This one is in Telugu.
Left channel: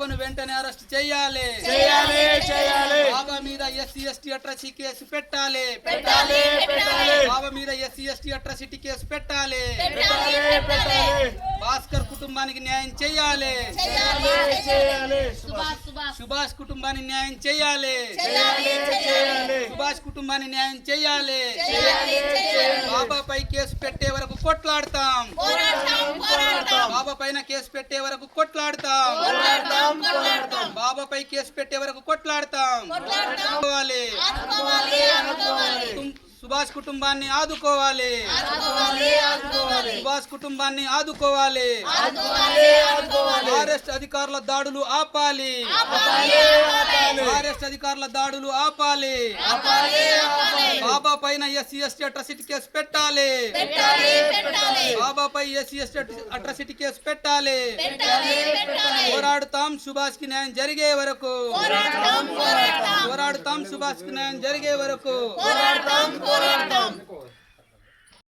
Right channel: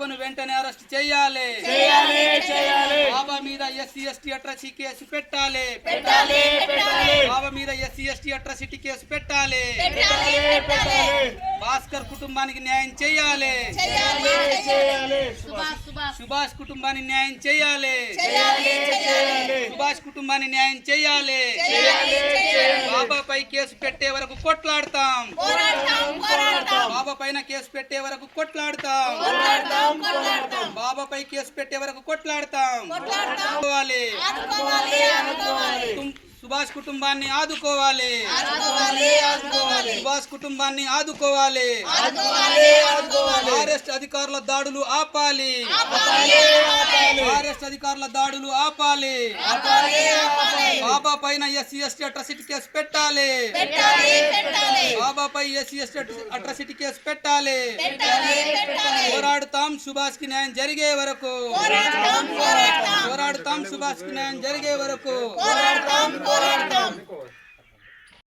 బాబాను వెంటనే అరెస్ట్ చేయాలి. చేయాలి చేయాలి. బాబా మీద ఎస్సీ ఎస్టీ అట్రసీ కేసు పెట్టాలి. పెట్టాలి పెట్టాలి. బాబా మీద ఎస్సీ ఎస్టీ అట్రసిటీ కేసు పెట్టాలి. పెట్టాలి పెట్టాలి. భాస్కర్ కుటుంబానికి న్యాయం చేయాలి. చేయాలి చేయాలి. సుభాష్ సుభాష్. కుటుంబానికి న్యాయం చేయాలి. చేయాలి చేయాలి. సుభాష్ కుటుంబాన్ని న్యాయం చేయాలి. చేయాలి చేయాలి. బాబాపై కేసు పెట్టే వరకు కొట్లాడతాం. బాబా పైన కేసు పెట్టే వరకు కొట్లాడతాం. బాబాపై కేసు పెట్టే వరకు కొట్లాడతాం. సుభాష్ కుటుంబాన్ని ఆదుకోవాలి. సుభాష్ కుటుంబాన్ని ఆదుకోవాలి. ఫారెస్ట్ అధికారుల దాడులు ఆపాలి. ఆపాలి ఆపాలి. ఫారెస్ట్ అధికారుల దాడులు ఆపాలి. ఆపాలి ఆపాలి. బాబా పైన ఎస్సీ ఎస్టీ అట్రసిటీ కేసు పెట్టాలి. బాబాపై ఎస్సీ ఎస్టీ అట్రసిటీ కేసు పెట్టాలి. పోరాడుతాం సుభాష్కి న్యాయం జరిగే వరకు. పోరాడుతాం సుభాష్కి న్యాయం జరిగే వరకు. పోరాడతాం.